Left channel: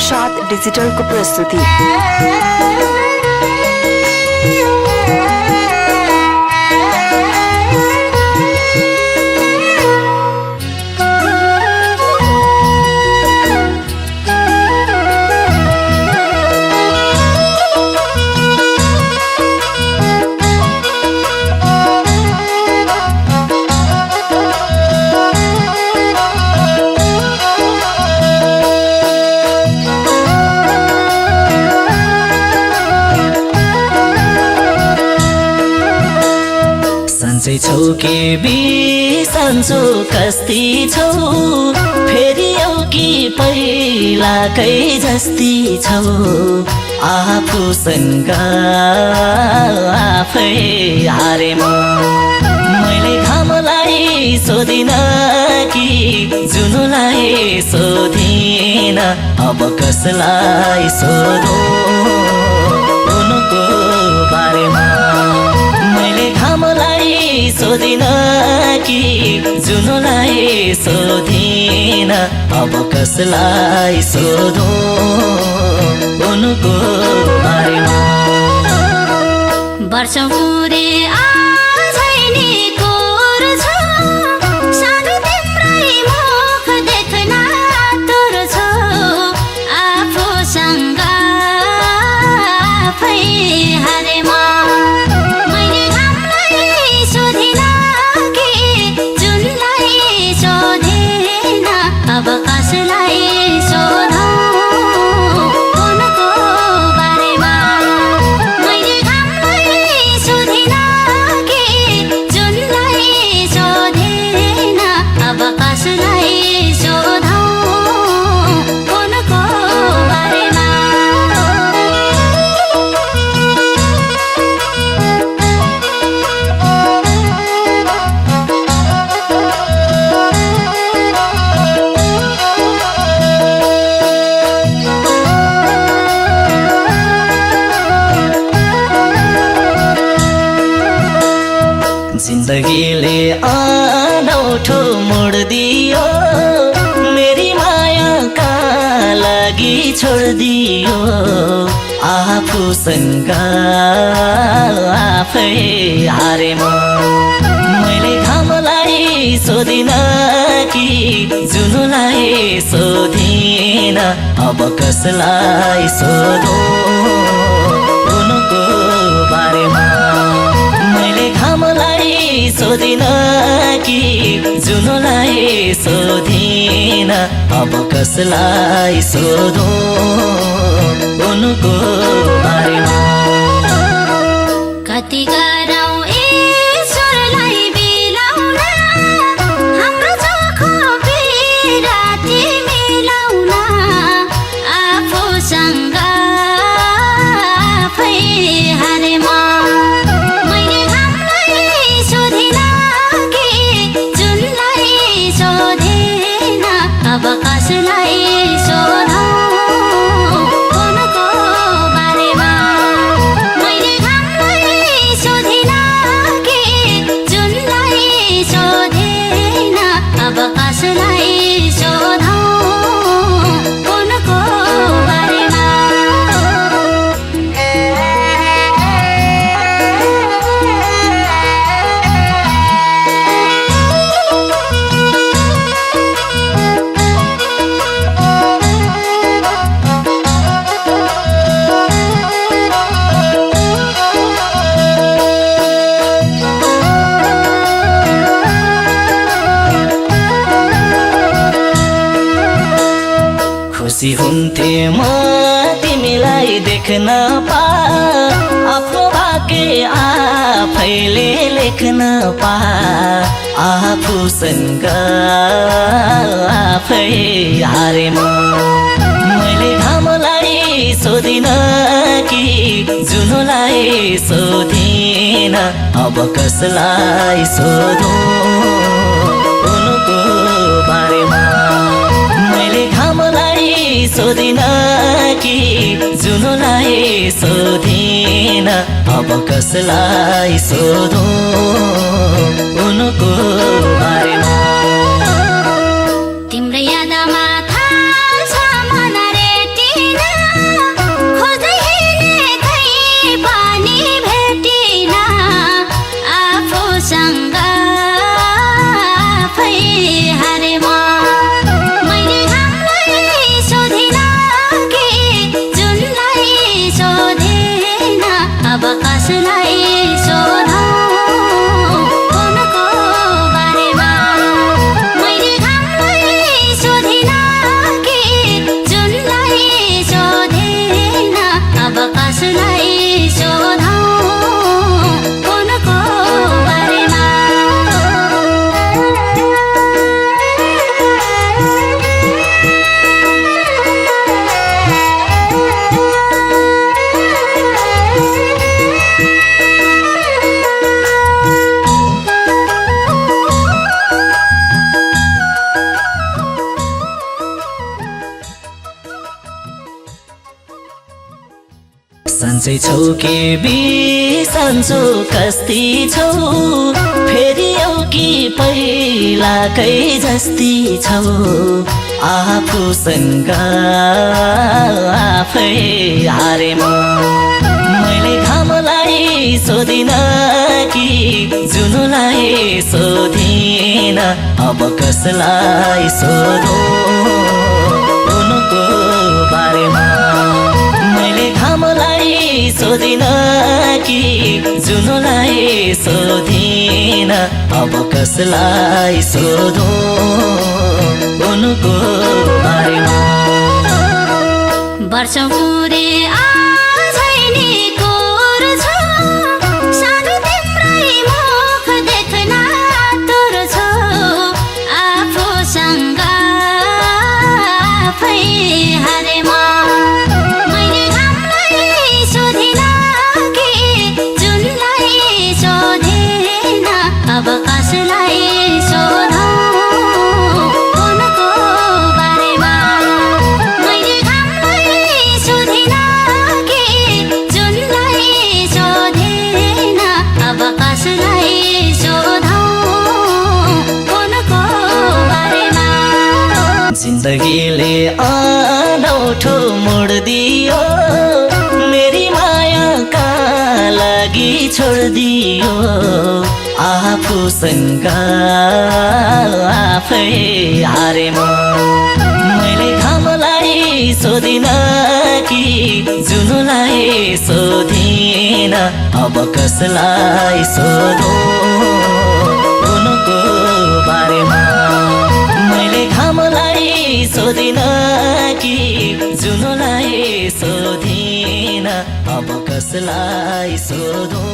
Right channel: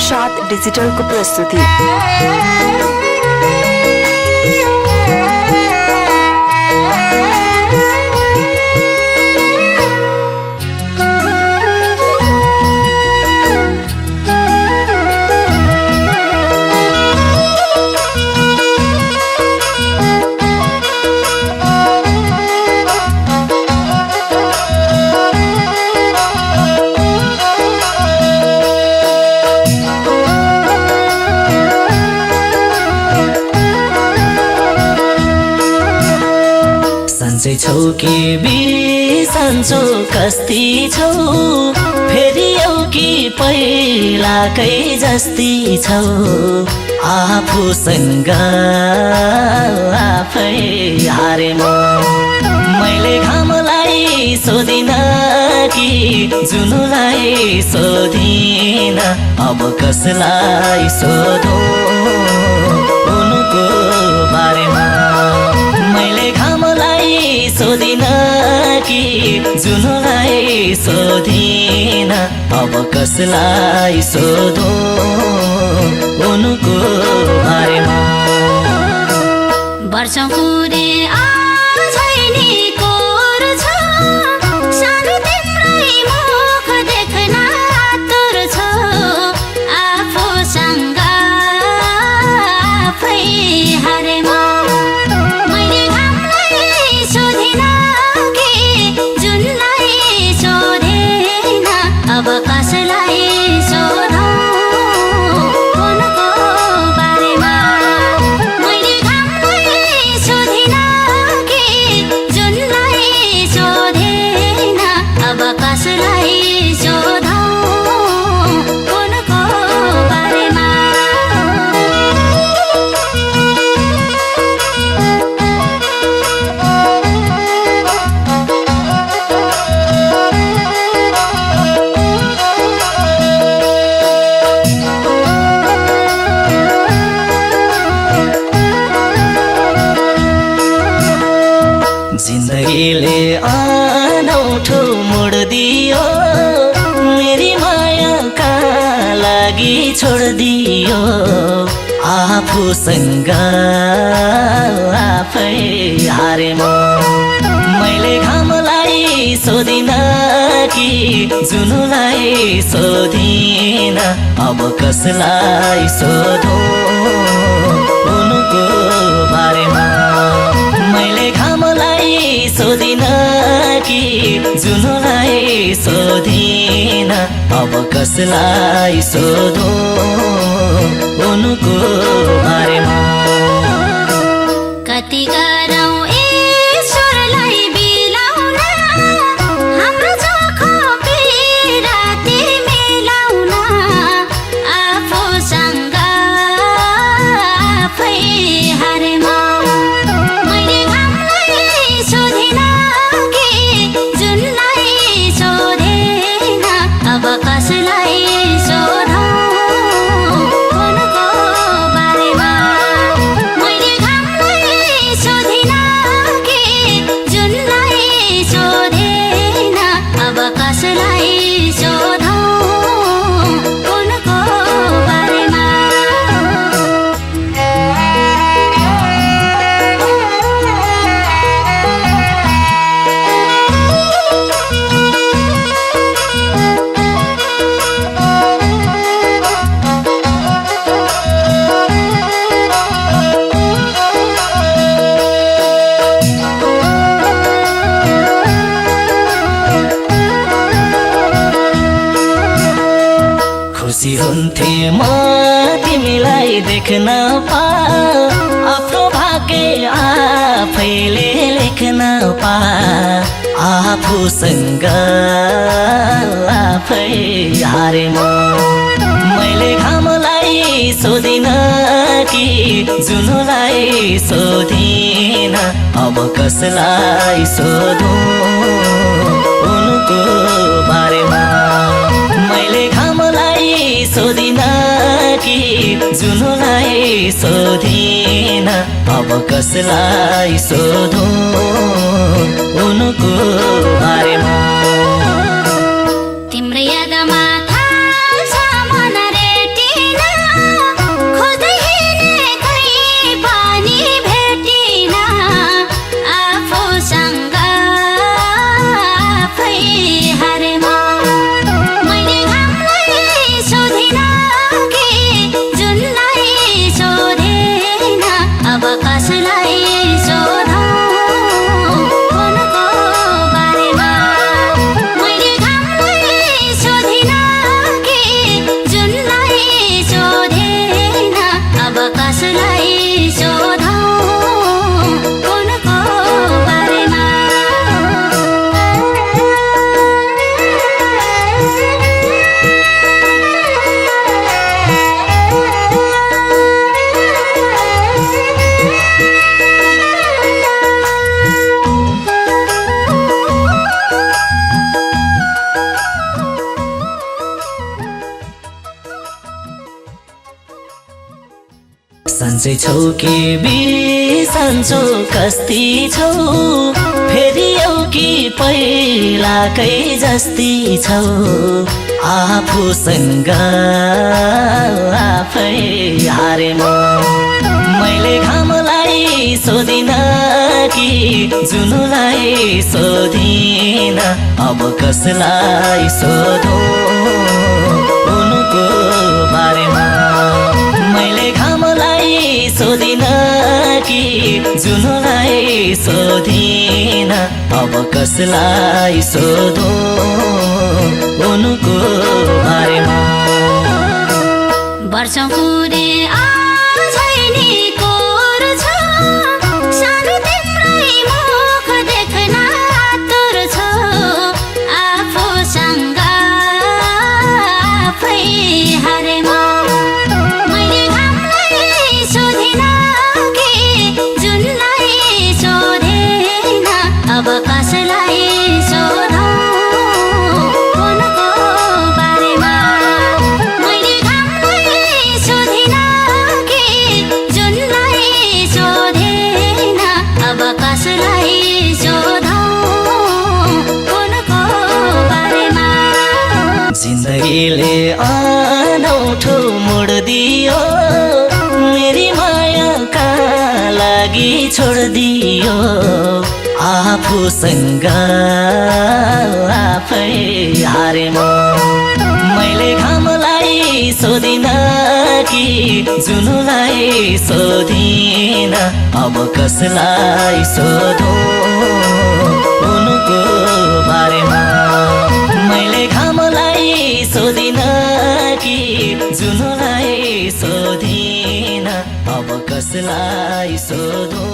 प्रसाद डिजिटलको प्रस्तुति। सन्चै छौ कि बिसन्चो कस्ती छौ, फेरि आउ कि पहिलाकै जस्ती छौ। आफूसँग आफै हारे म, मैले घामलाई सोधिन कि जुनुलाई सोधिन, अब कसलाई सोधौँ उनको बारेमा। मैले घामलाई सोधिन कि जुनुलाई सोधिन, अब कसलाई सोधौँ उनको बारेमा। वर्षौं पुरे आझैनी कोर छ, सानो तिम्रै मुख देख्न आतुर छ। आफूसँग आफै हारे म, मैले घामलाई सोधिन कि जुनलाई सोधेन, अब कसलाई सोधौँ उनको बारेमा। मैले घामलाई सोधिन कि जुनलाई सोधेन, अब कसलाई सोधौँ उनको बारेमा। जिन्दगीले अनौठो मोड दियो, मेरी मायाका लागि छोडिदियो। आफूसँग आफै हारे म, मैले घामलाई सोधिन कि जुनुलाई सोधिन, अब कसलाई सोधौँ उनको बारेमा। मैले घामलाई सोधिन कि जुनुलाई सोधिन, अब कसलाई सोधौँ उनको बारेमा। कति गरौँ ईश्वरलाई बिलाउन, हाम्रो चोखो बिराती मिलाउन। आफूसँग आफै हारे म, मैले घामलाई सोधिन कि जुनलाई सोधेन, अब कसलाई सोधौँ उनको बारेमा। मैले घामलाई सोधिन कि जुनलाई सोधेन, अब कसलाई सोधौँ उनको बारेमा। खुसी हुन्थे म तिमीलाई देख्न पा, आफ्नो भाग्य आफैले लेख्न पा। आफूसँग आफै हारे म, मैले घामलाई सोधिन कि जुनुलाई सोधिन, अब कसलाई सोधौँ उनको बारेमा। मैले घामलाई सोधिन कि जुनुलाई सोधिन, अब कसलाई सोधौँ उनको बारेमा। तिम्रो यादमा थाल्छ मन रेटी सन्चै छौ कि बिसन्चो कस्ती छौ फेरि आऊ कि पहिलाकै जस्ती छौ आफूसँग आफै हारे म मैले घामलाई सोधिन कि जुनलाई सोधिन अब कसलाई सोधौँ उनको बारेमा मैले घामलाई सोधिन कि जुनलाई सोधिन अब कसलाई सोधौँ उनको बारेमा वर्षौं पुरे आझैनी कोर छ सानो तिम्रै मुख देख्न आतुर छ आफूसँग आफै हारे म मैले घामलाई सोधिन कि जुनलाई सोधेन अब कसलाई सोधौँ उनको बारेमा मैले घामलाई सोधिन कि जुनलाई सोधेन अब कसलाई सोधौँ उनको बारेमा जिन्दगीले अनौठो मोड दियो मेरी मायाका लागि छोडिदियो आफूसँग आफै हारे म मैले घामलाई सोधिन कि जुनलाई सोधिन अब कसलाई सोधौँ उनको बारेमा मैले घामलाई सोधिन कि जुनलाई सोधिन अब कसलाई सोधौँ